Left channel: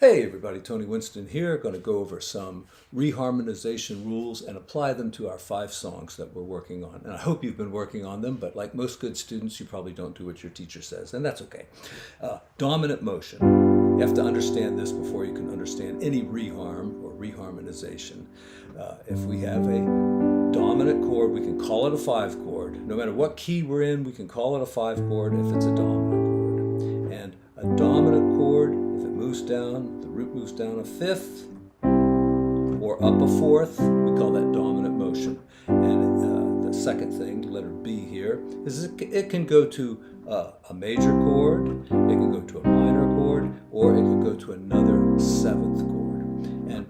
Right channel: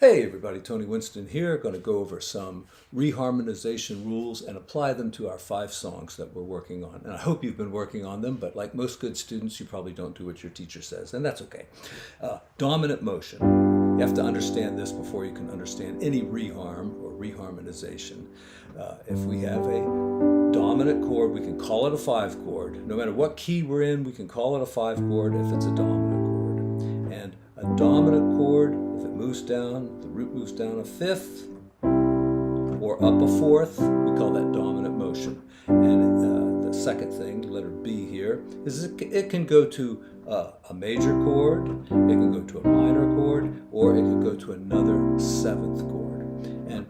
Hey everybody, Tony Winston here. Going to go over some reharmonization rules and apply them to our 5 songs that we're working on. And I hope you've been working on them, but like most good students, you probably don't do what your teacher says, and that's okay. Dominant motion. You have to understand this before you can understand any reharm or reharmonization. If we have a dominant chord, we can call it a 5 chord. No matter what key we're in, we can call it a 5 chord if it's a dominant chord. And a dominant chord, if it moves down, the root moves down a 5th or up a 4th, we call that dominant motion. And the second thing, letter B here, is it can go to a major chord, it can go to a minor chord, or it can go to another 7th chord. And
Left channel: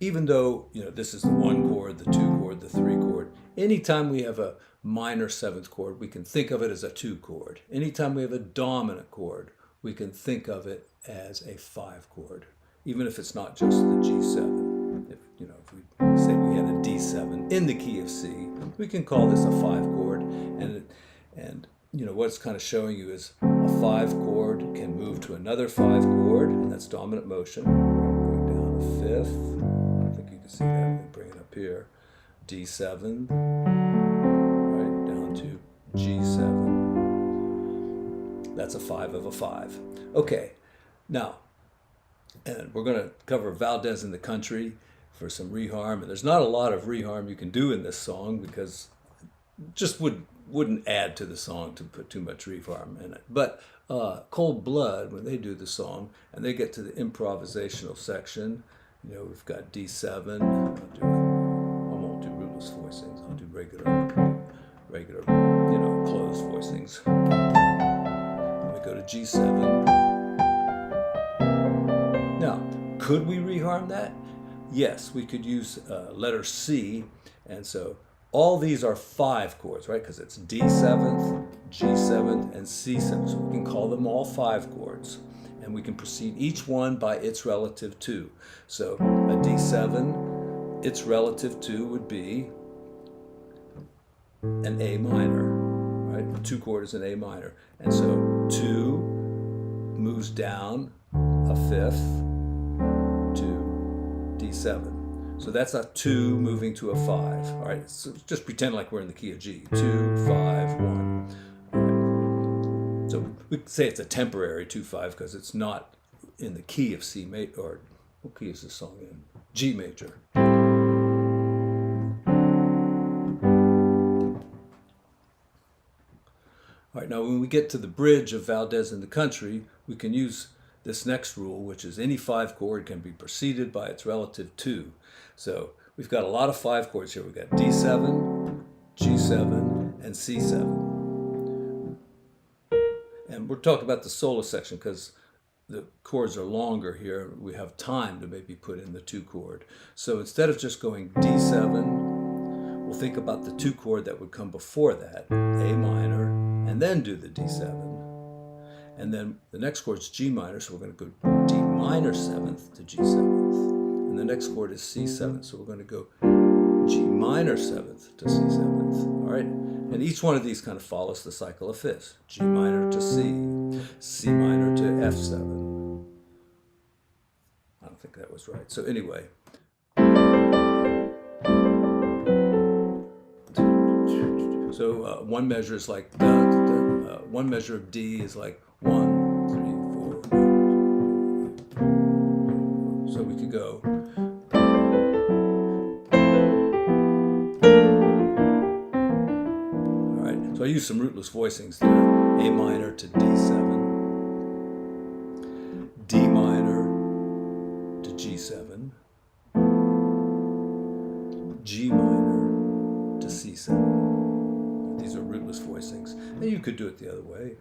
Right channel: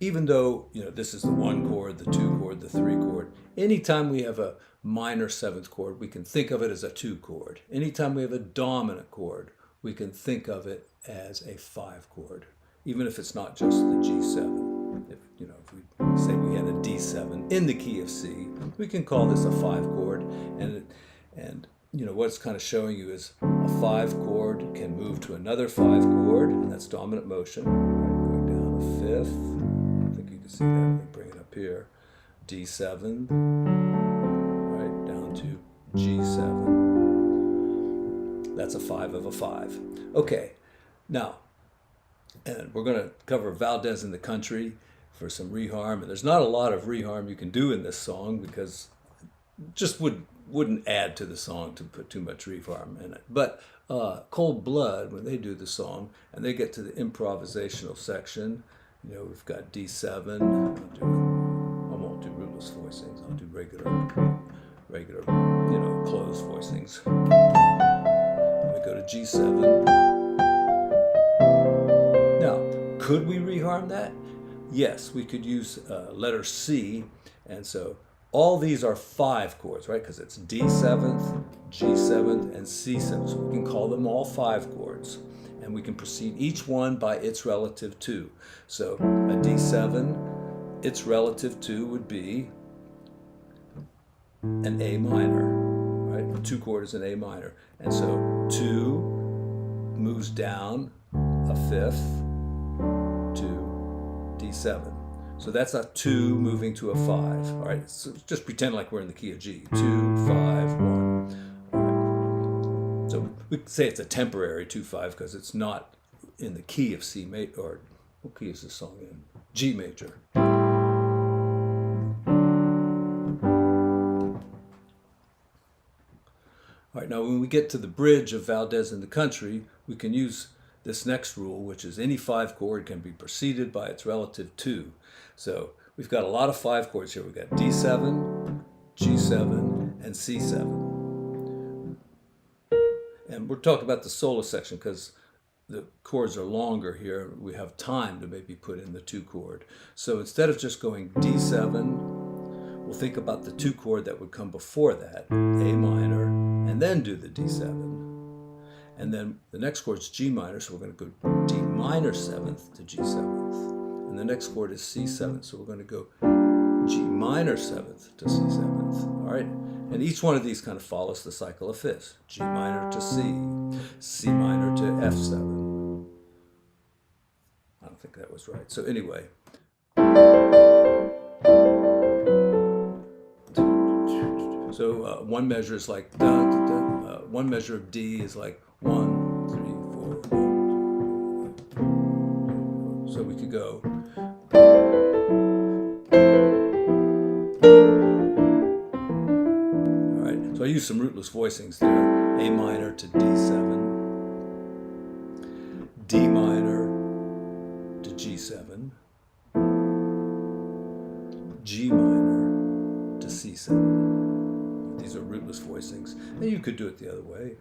even though this is the 1 chord, the 2 chord, the 3 chord, anytime we have a minor 7th chord, we can think of it as a 2 chord. Anytime we have a dominant chord, we can think of it as a 5 chord, even if it's not just the G7. If we say we had a D7 in the key of C, we can call this a 5 chord. And what it's kind of showing you is a 5 chord can move to another 5 chord, and that's dominant motion. Right, going down a 5th. I think you can see that. Let me bring it up here. D7. Right, down to G7. That's a 5 of a 5. Okay, now, and we're going to cover Valdez in the Country for some reharm. And there's not a lot of reharm you can do in this song because it just wouldn't add to the song to put too much reharm in it. But Cold Blood, when they do the song and they get to the improvisational section, we've got D7. I won't do rootless voicings. I'll do regular, closed voicings. We go to G7. Now, could we reharm that? Yes, we could use letter C, and so all these are 5 chords, right? Because it's D7th, G7th, and C7th. So we can call them all 5 chords, and we can proceed each one by its relative to. So a D7, its relative to would be an A minor, right? A 2 chord is an A minor. And so 2 moves down a 5th to D7. So that's a 2 moving to a 5. All right, so just pretend like we're in the key of G. 2, 5, 1. All right. So we could say it's a temporary 2-5 because it's not in the key of C major, or what key is this song in? G major. All right, now when we get to the bridge of Valdez in the Country, we can use this next rule, which is any 5 chord can be preceded by its relative to. So we've got a lot of 5 chords here. We've got D7, G7, and C7. And we're talking about the solo section because the chords are longer here. We have time to maybe put in the 2 chord. So instead of just going D7, we'll think about the 2 chord that would come before that, A minor, and then do the D7. And then the next chord is G minor, so we're going to go D minor 7th to G7th. And the next chord is C7th, so we're going to go G minor 7th to C7th. All right? And each one of these kind of follows the cycle of fifths. G minor to C, C minor to F7. I don't think that was right. So anyway. So one measure is like da, da, da. One measure of D is like 1, 3, 4, 1. So we could go. All right. So I use some rootless voicings there. A minor to D7, D minor to G7, G minor to C7. These are rootless voicings. And you could do it the other way.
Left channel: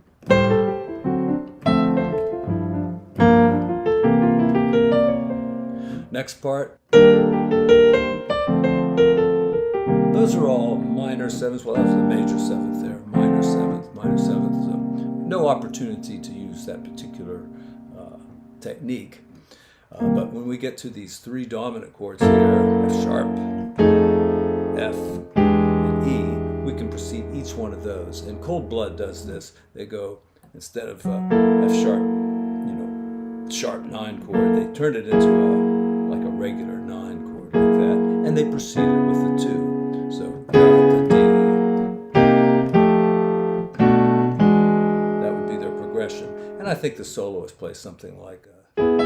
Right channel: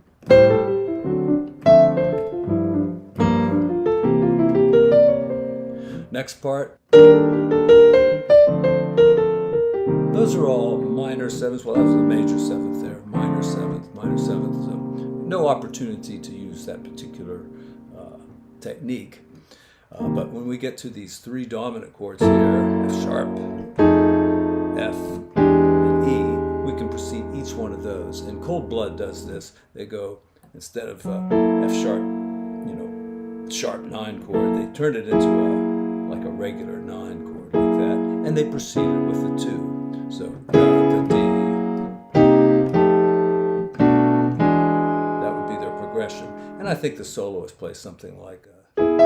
Next part. Those are all minor 7ths. Well, that was the major 7th there. Minor 7th, minor 7th. So no opportunity to use that particular technique. But when we get to these 3 dominant chords here, F sharp, F, and E, we can proceed each one of those. And Cold Blood does this. They go, instead of F sharp, sharp 9 chord. They turned it into like a regular 9 chord like that, and they proceeded with the 2. So the D. That would be their progression. And I think the soloist plays something like and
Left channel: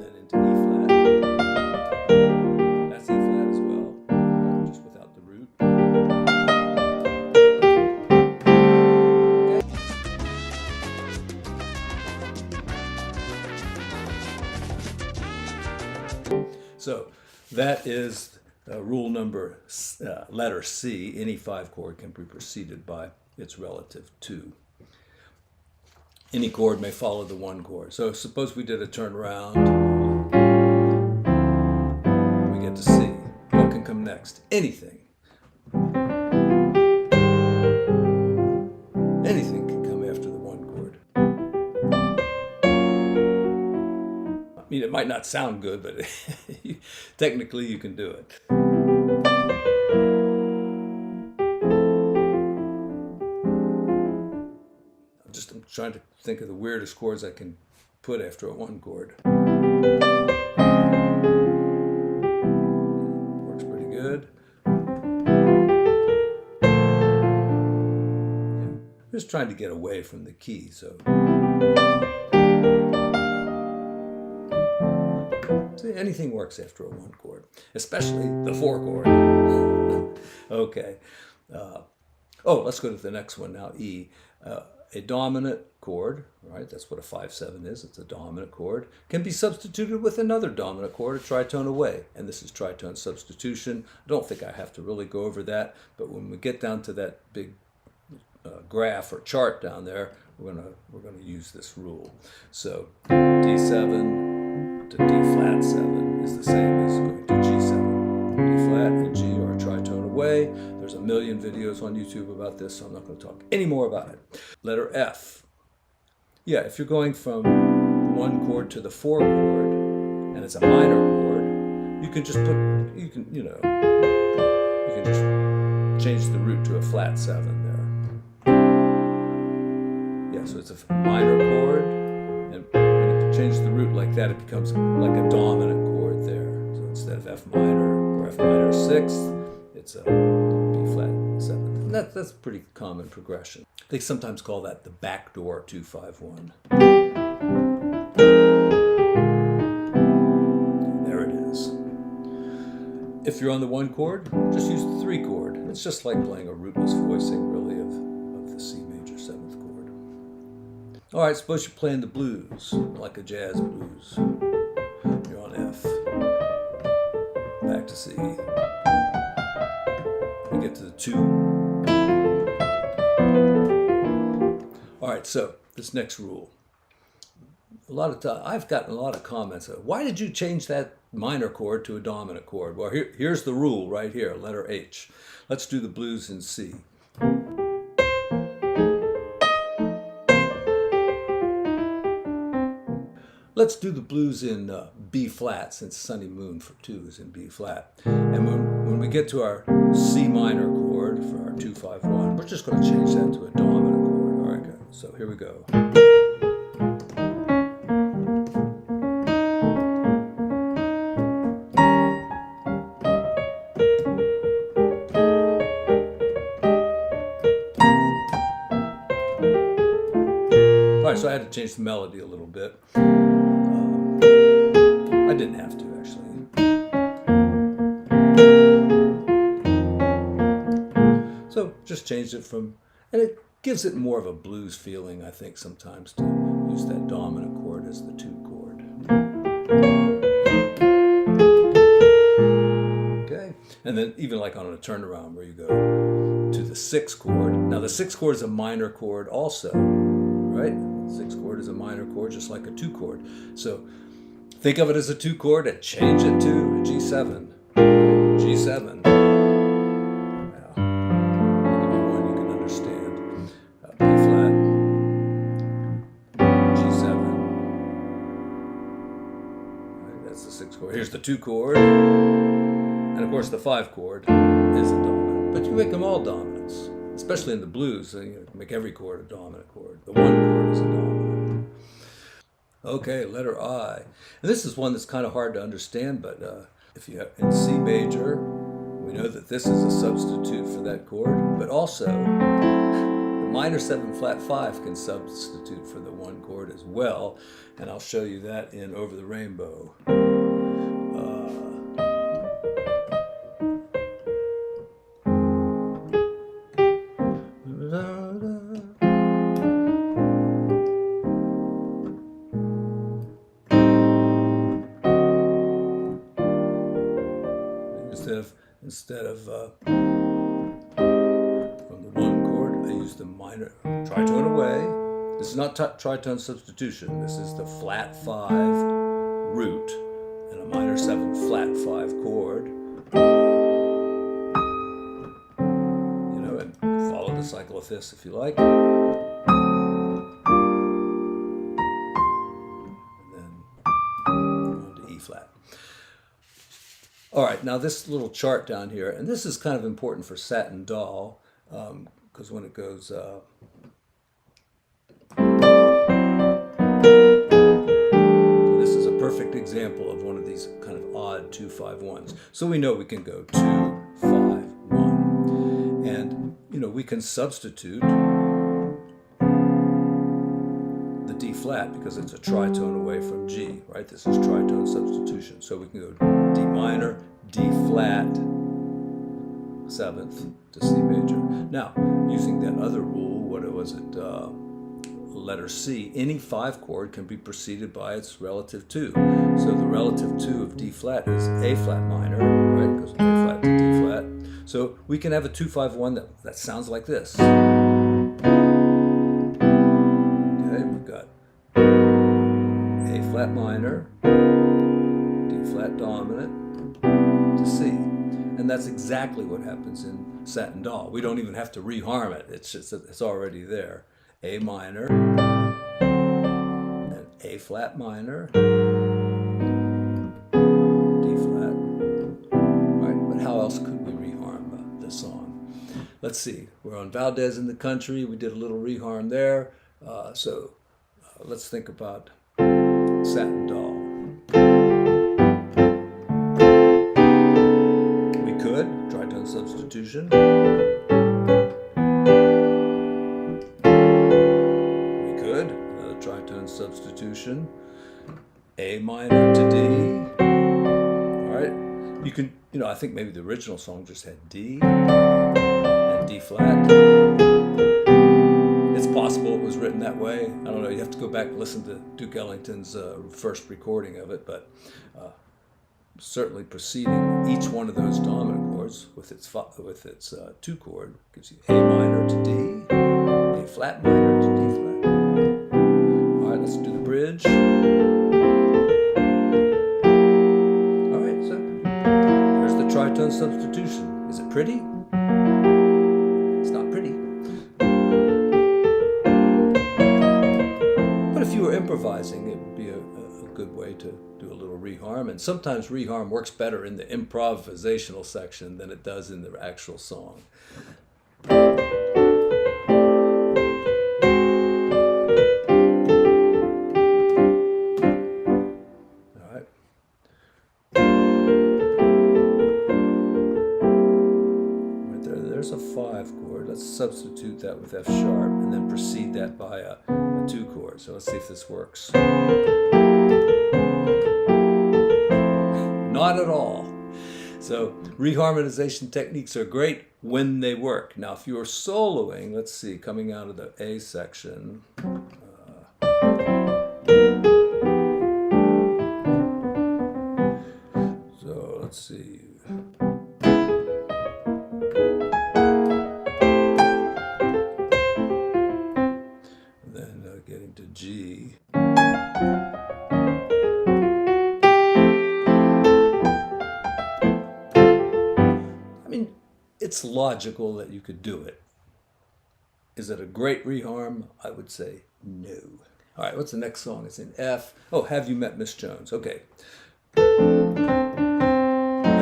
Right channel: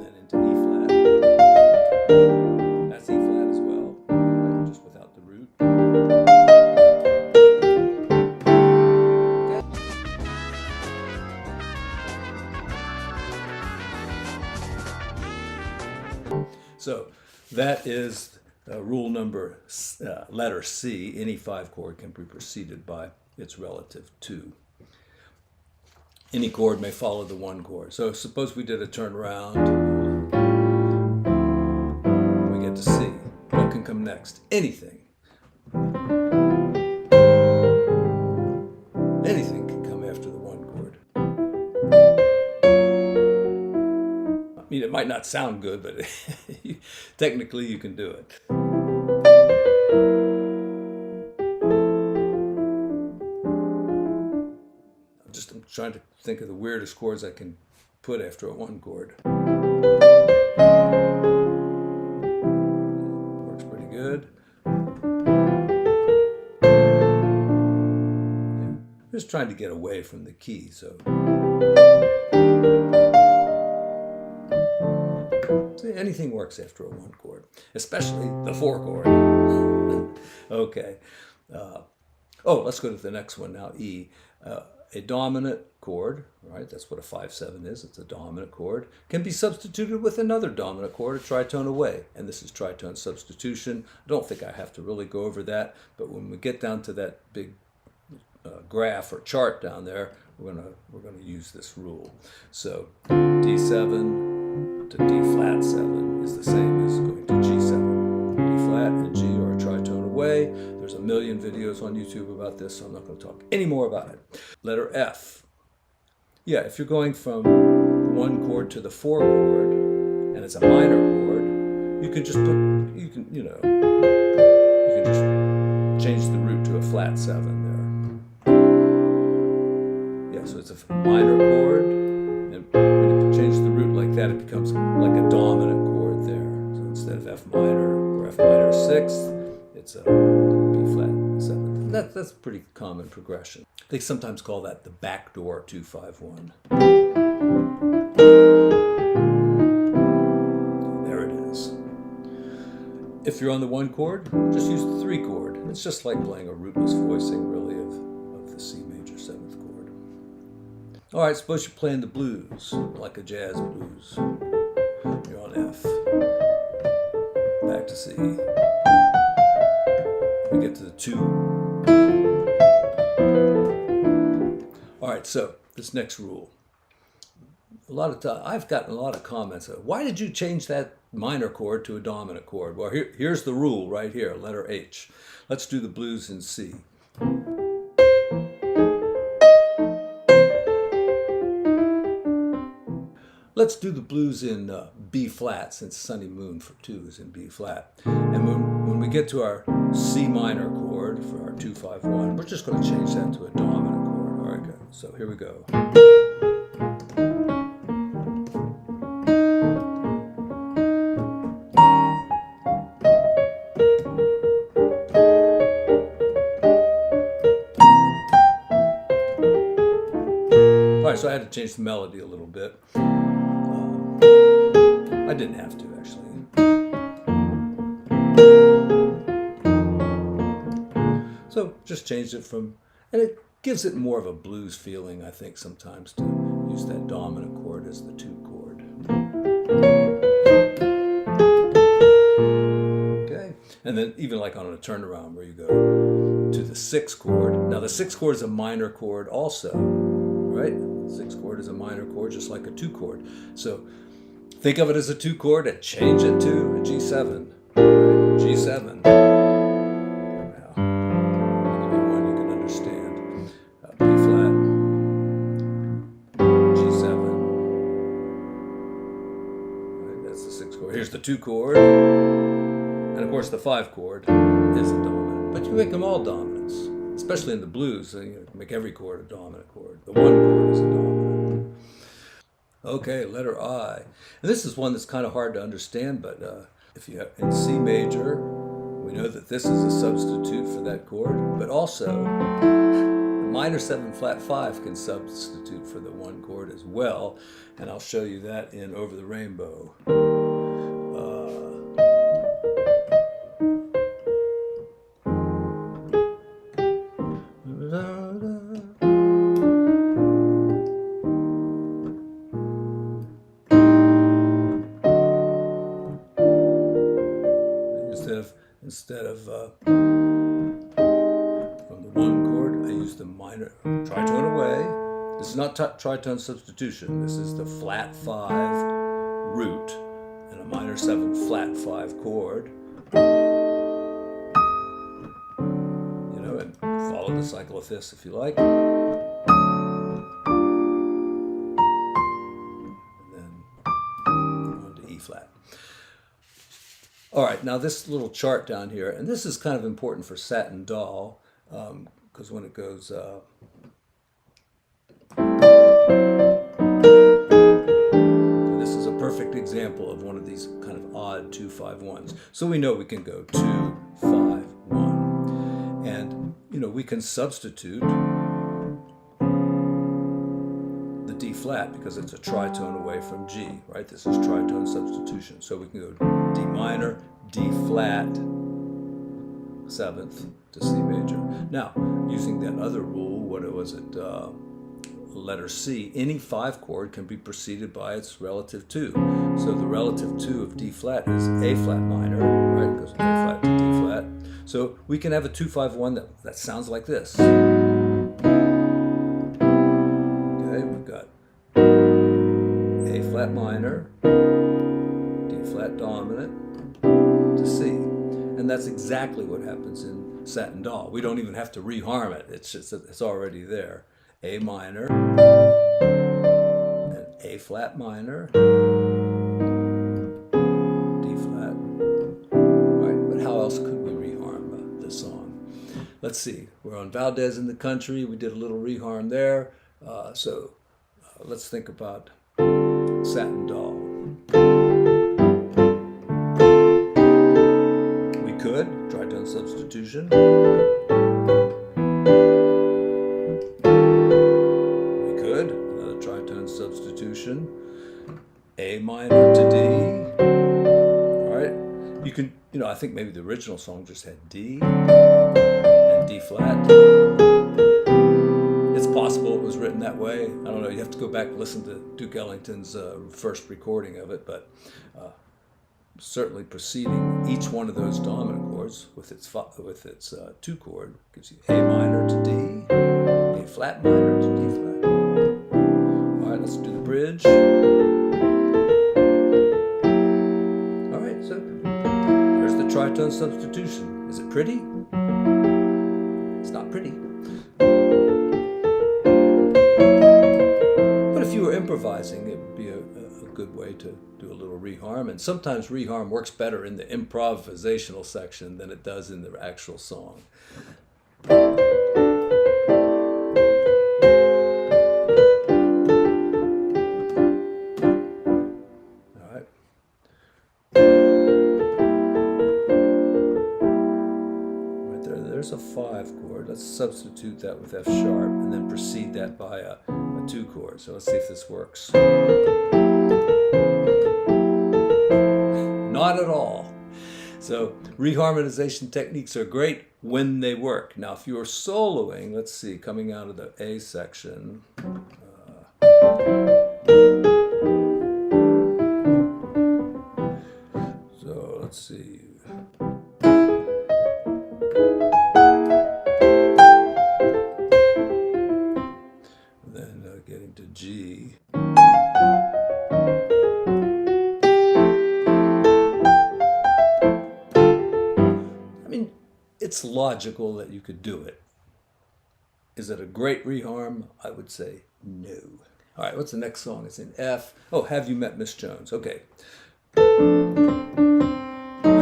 then into E flat. That's E flat as well, right? Just without the root. Okay. So that is rule number letter C. Any 5 chord can be preceded by its relative 2. Any chord may follow the 1 chord. So suppose we did a turnaround. We get to C. What can come next? Anything. Anything can come after the 1 chord. I mean, it might not sound good, but technically you can do it. I'm trying to think of the weirdest chords I can put after a 1 chord. Works pretty good. Yeah. I'm just trying to get away from the key, so. See, anything works after a 1 chord, especially the 4 chord. Okay. Let's go to the next one now, E. A dominant chord, right? That's what a 5/7 is. It's a dominant chord. Can be substituted with another dominant chord, a tritone away. And this is tritone substitution. I don't think I have to really go over that, but when we get down to that big graph or chart down there, we're gonna use this rule. So D7 to D flat 7 is the same as going to G7. D flat and G are a tritone away. There's a million videos on YouTube about this, so I'm not going to talk any more about it. Letter F. Yeah, if you're going from the 1 chord to the 4 chord, and it's a minor chord, you can just you can just change the root to a flat 7 there. Yeah, so it's a minor chord, and when you change the root like that, it becomes like a dominant chord there. So instead of F minor or F minor 6th, it's a B flat 7th. And that's a pretty common progression. They sometimes call that the backdoor 2-5-1. There it is. If you're on the 1 chord, just use the 3 chord. It's just like playing a rootless voicing, really, of the C major 7th chord. All right, suppose you're playing the blues, like a jazz blues. You're on F. Back to C. We get to the 2. All right, so this next rule. I've gotten a lot of comments. Why did you change that minor chord to a dominant chord? Well, here's the rule right here, letter H. Let's do the blues in C. Let's do the blues in B flat, since Sunny Moon for 2 is in B flat. And when we get to our C minor chord for our 2-5-1, we're just going to change that to a dominant chord. All right, good. So here we go. All right, so I had to change the melody a little bit. I didn't have to, actually. So just changed it from, and it gives it more of a blues feeling, I think, sometimes to use that dominant chord as the 2 chord. Okay, and then even like on a turnaround where you go to the 6 chord. Now the 6 chord is a minor chord also, right? 6 chord is a minor chord, just like a 2 chord. So think of it as a 2 chord and change it to a G7. Right? G7. Now, I'll give you one you can understand. B flat, G7. Right, that's the 6 chord. Here's the 2 chord. And of course the 5 chord is a dominant. But you make them all dominants. It's especially in the blues, you make every chord a dominant chord. The one chord is a dominant. Okay, letter I. And this is one that's kind of hard to understand, but if you have in C major, we know that this is a substitute for that chord, but also the minor 7 flat 5 can substitute for the one chord as well, and I'll show you that in Over the Rainbow. Instead of from the one chord, I use the minor tritone away. This is not tritone substitution. This is the flat 5 root and a minor 7 flat 5 chord. You know, and follow the cycle of fifths if you like. And then on to E flat. All right, now this little chart down here, and this is kind of important for Satin Doll, because when it goes, this is a perfect example of one of these kind of odd 2-5-1s. So we know we can go 2-5-1, and you know we can substitute the D flat because it's a tritone away from G, right? This is tritone substitution. So we can go D minor, D flat, 7th to C major. Now, using that other rule, what was it? Letter C, any 5 chord can be preceded by its relative 2. So the relative 2 of D flat is A flat minor, right? It goes A flat to D flat. So we can have a 2-5-1 that sounds like this. We've got A flat minor, D flat dominant to C. And that's exactly what happens in Satin Doll. We don't even have to reharm it. It's already there. A minor, and A flat minor, D flat. All right, but how else could we reharm this song? Let's see. We're on Valdez in the Country. We did a little reharm there. Let's think about Satin Doll. We could tritone substitution. We could another tritone substitution. A minor to D. All right. You can, I think maybe the original song just had D and D flat. It's possible it was written that way. I don't know. You have to go back and listen to Duke Ellington's first recording of it, but certainly preceding each one of those dominant chords with its 2 chord gives you A minor to D, A flat minor to D flat. All right, let's do the bridge. All right, so there's the tritone substitution. Is it pretty? It's not pretty. If you were improvising, it would be a good way to do a little reharm, and sometimes reharm works better in the improvisational section than it does in the actual song. All right. Right there, there's a 5 chord. Let's substitute that with F sharp and then precede that by a 2 chord. So let's see if this works. Not at all. So reharmonization techniques are great when they work. Now if you're soloing, let's see, coming out of the A section, so let's see. Getting to G. I mean, it's logical that you could do it. Is it a great reharm? I would say no. All right, what's the next song? It's in F. Oh, Have You Met Miss Jones? Okay.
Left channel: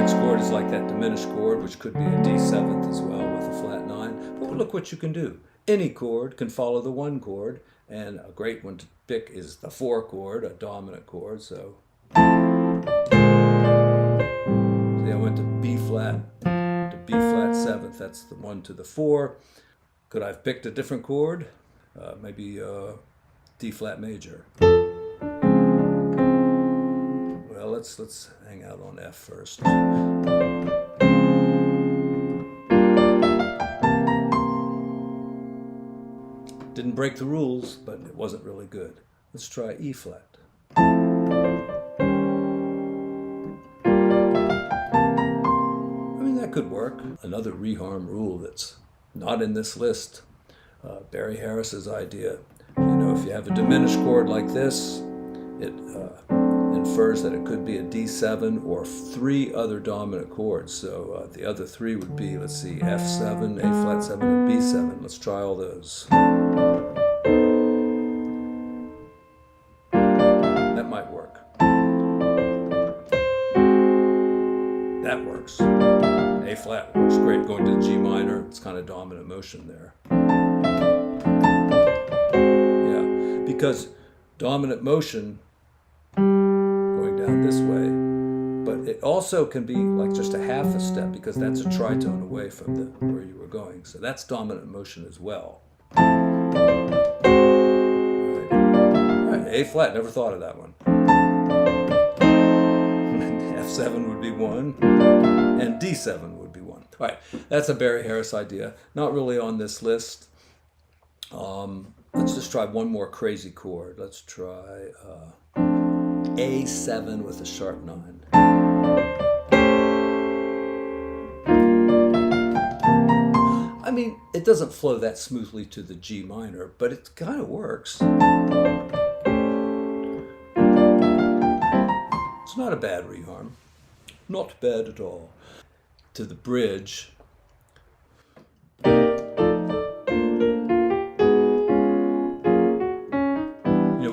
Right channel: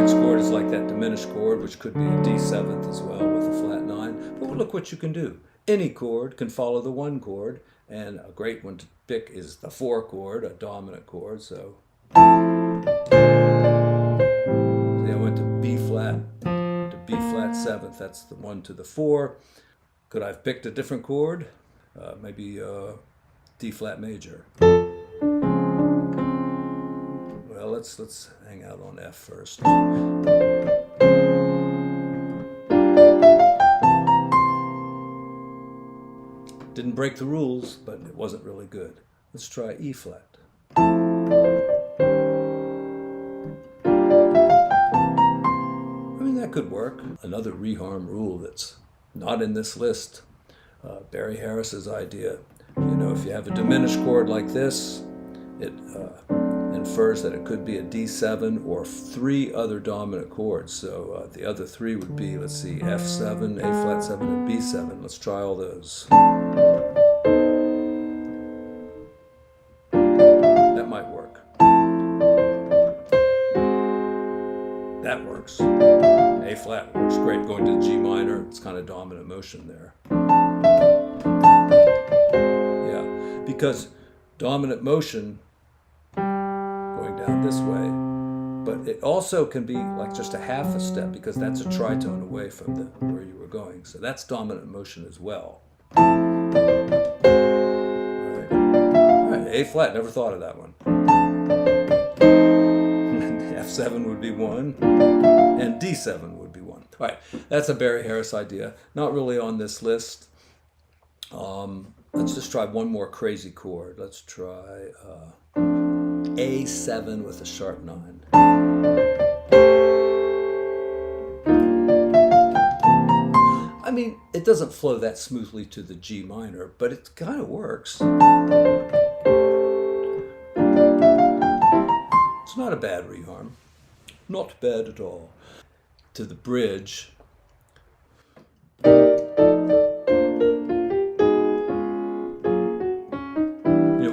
Next chord is like that diminished chord, which could be a D7th as well with a flat 9. But look what you can do. Any chord can follow the 1 chord, and a great one to pick is the 4 chord, a dominant chord. So see, I went to B flat to B flat 7th. That's the 1 to the 4. Could I have picked a different chord? Maybe D flat major. Well, let's hang out on F first. Didn't break the rules, but it wasn't really good. Let's try E flat. I mean, that could work. Another reharm rule that's not in this list. Barry Harris's idea. You know, if you have a diminished chord like this, it infers that it could be a D7 or 3 other dominant chords. So the other 3 would be, let's see, F7, A flat 7, and B7. Let's try all those. That might work. That works. A flat works great. Going to G minor, it's kind of dominant motion there. Yeah, because dominant motion going down this way, but it also can be like just a half a step because that's a tritone away from where you were going. So that's dominant motion as well. All right, A flat, never thought of that one. F7 would be 1, and D7 would be 1. All right, that's a Barry Harris idea. Not really on this list. Let's just try one more crazy chord. Let's try A7 with a sharp 9. I mean, it doesn't flow that smoothly to the G minor, but it kind of works. It's not a bad reharm. Not bad at all. To the bridge.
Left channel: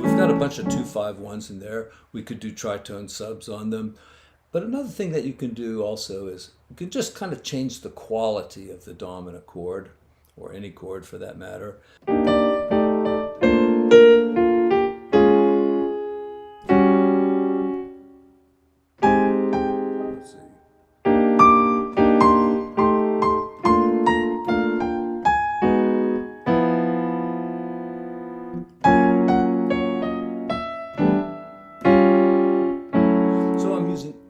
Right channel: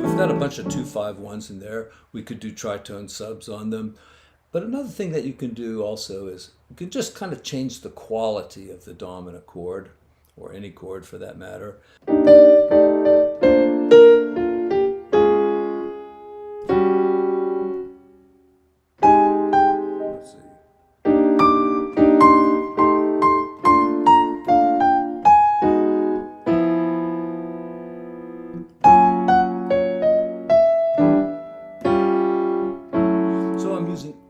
We've got a bunch of 2-5-1s in there. We could do tritone subs on them. But another thing that you can do also is you can just kind of change the quality of the dominant chord, or any chord for that matter. Let's see.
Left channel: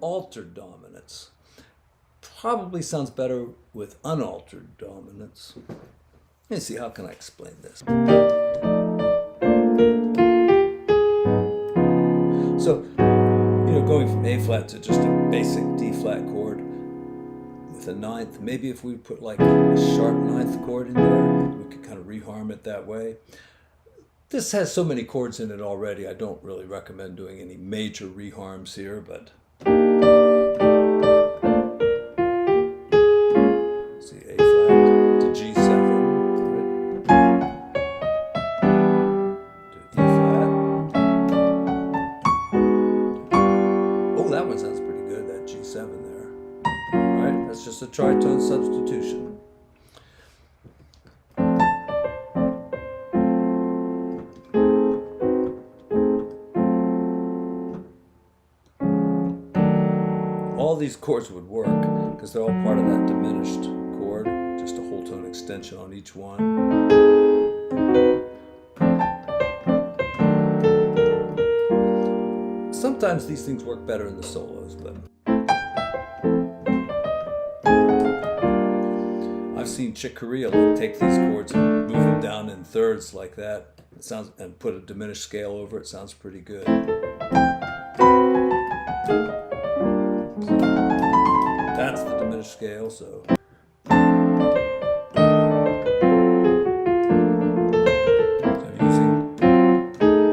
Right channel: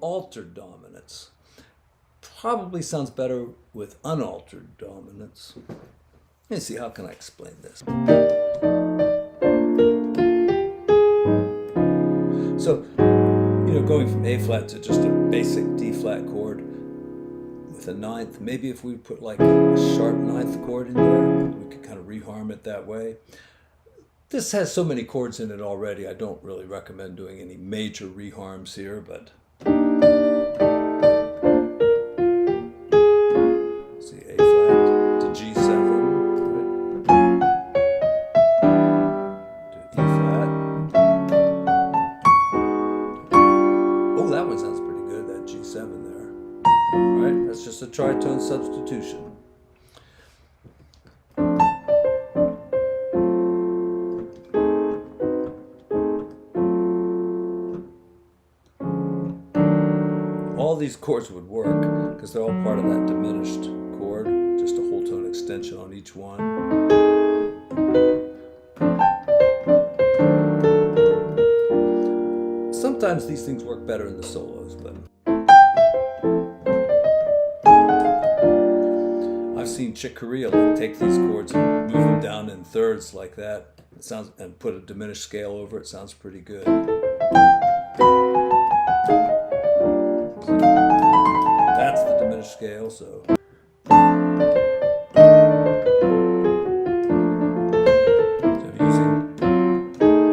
Altered dominants. Probably sounds better with unaltered dominants. Let me see, how can I explain this? So, going from A flat to just a basic D flat chord with a 9th, maybe if we put like a sharp 9th chord in there, we could kind of reharm it that way. This has so many chords in it already, I don't really recommend doing any major reharms here, but see, A flat to G7, right? To E flat. Oh, that one sounds pretty good, that G7 there. All right, that's just a tritone substitution. All these chords would work because they're all part of that diminished chord, just a whole tone extension on each one. Sometimes these things work better in the solos, but I've seen Chick Corea take these chords and move them down in thirds like that. It sounds, and put a diminished scale over it. Sounds pretty good. That's the diminished scale, so. I'm using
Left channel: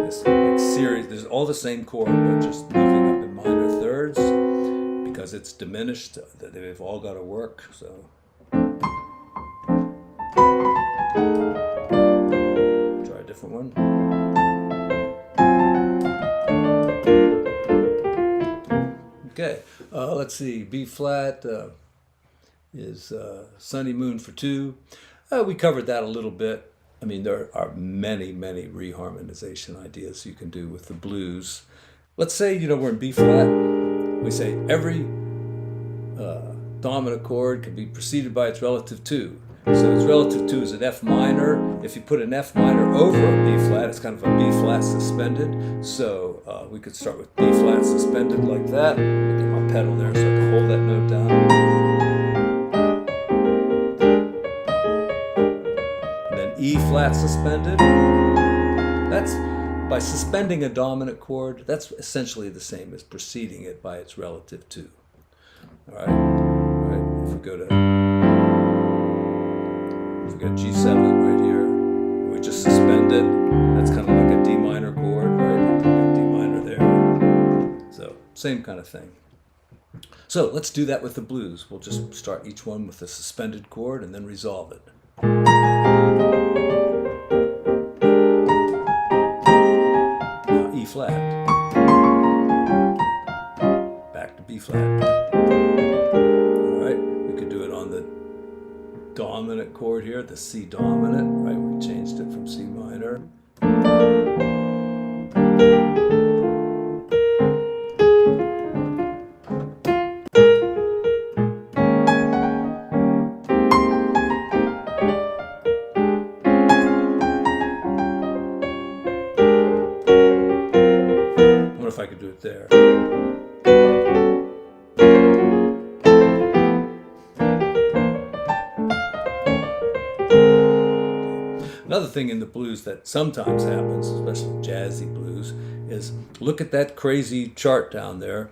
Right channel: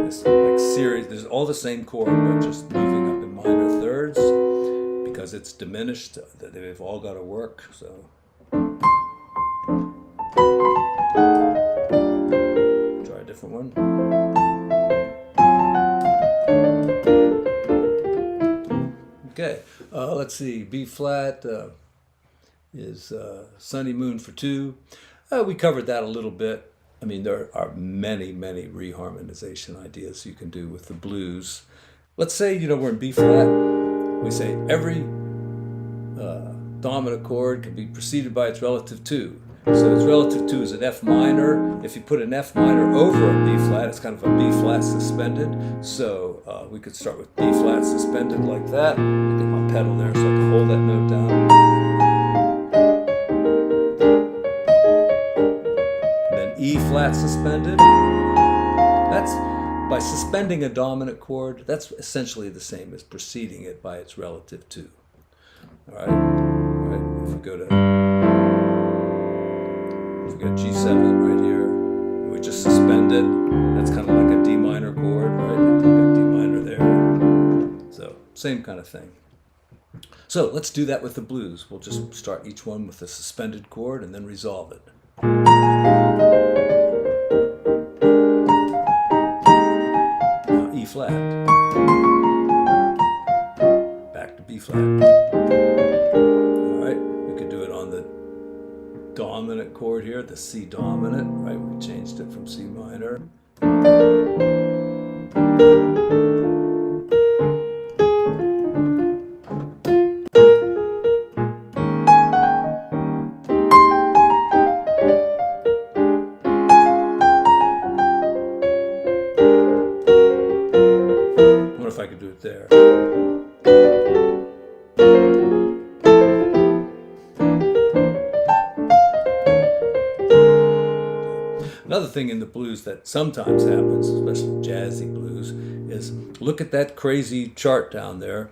this like series, there's all the same chord, but just moving up in minor thirds because it's diminished, they've all got to work, so. Try a different one. Okay, let's see. B flat is Sunny Moon for 2. We covered that a little bit. I mean, there are many, many reharmonization ideas you can do with the blues. Let's say, we're in B flat. We say every dominant chord can be preceded by its relative 2. So its relative 2 is an F minor. If you put an F minor over a B flat, it's kind of a B flat suspended. So we could start with B flat suspended like that. I'll get my pedal there so I can hold that note down. And then E flat suspended. That's by suspending a dominant chord. That's essentially the same as preceding it by its relative 2. All right. If we go to we got G7 right here, and we just suspend it. That's kind of like a D minor chord, right? We got D minor there. So, same kind of thing. So, let's do that with the blues. We'll just start each one with a suspended chord and then resolve it. Now, E flat. Back to B flat. All right, we could do it on the dominant chord here, the C dominant, right? We changed it from C minor. I wonder if I could do it there. Another thing in the blues that sometimes happens, especially jazzy blues, is look at that crazy chart down there.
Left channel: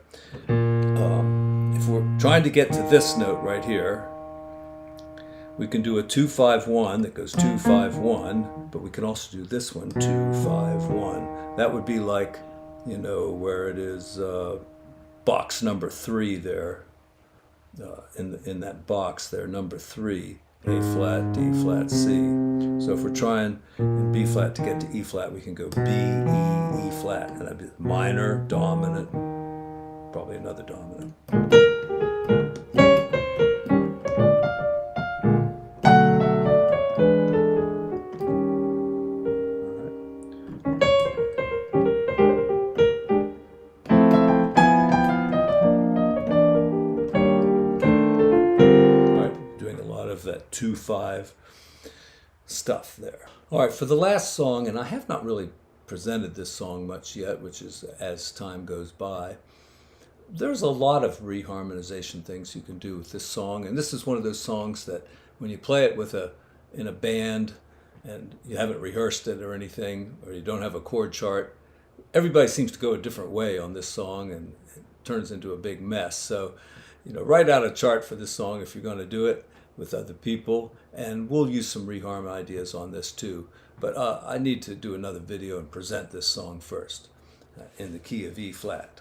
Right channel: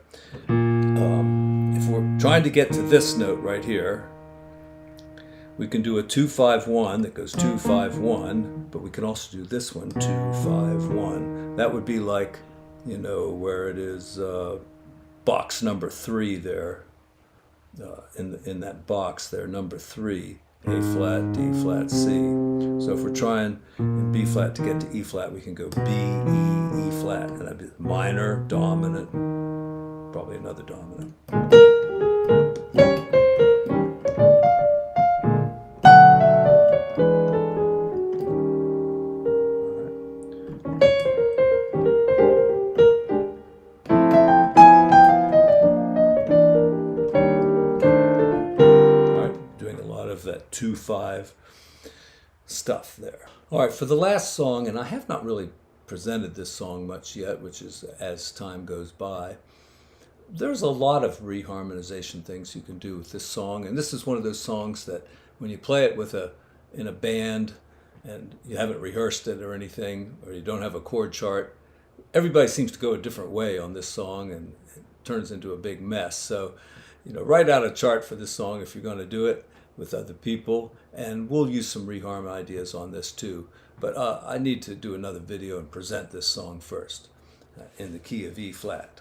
If we're trying to get to this note right here, we can do a 2-5-1 that goes 2-5-1, but we can also do this one, 2-5-1. That would be like, where it is box number 3 there, in that box there, number 3. A flat, D flat, C. So if we're trying in B flat to get to E flat, we can go B, E, E flat. And that'd be minor, dominant, probably another dominant. That 2-5 stuff there. All right, for the last song, and I have not really presented this song much yet, which is as time goes by. There's a lot of reharmonization things you can do with this song, and this is one of those songs that when you play it in a band and you haven't rehearsed it or anything, or you don't have a chord chart, everybody seems to go a different way on this song, and it turns into a big mess. So, write out a chart for this song if you're going to do it with other people, and we'll use some reharm ideas on this too. But I need to do another video and present this song first in the key of E flat.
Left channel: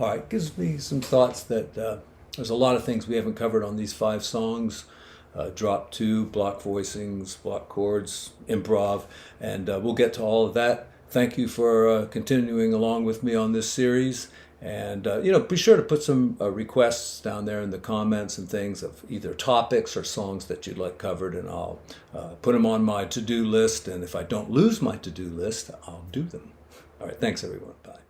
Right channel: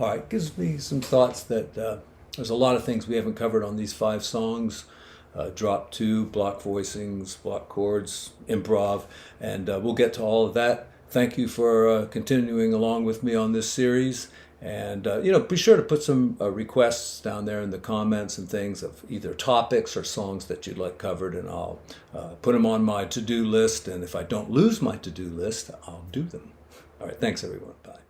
All right, gives me some thoughts that there's a lot of things we haven't covered on these 5 songs. Drop 2, block voicings, block chords, improv, and we'll get to all of that. Thank you for continuing along with me on this series, And, be sure to put some requests down there in the comments and things of either topics or songs that you'd like covered, and I'll put them on my to-do list. And if I don't lose my to-do list, I'll do them. All right, thanks, everyone. Bye.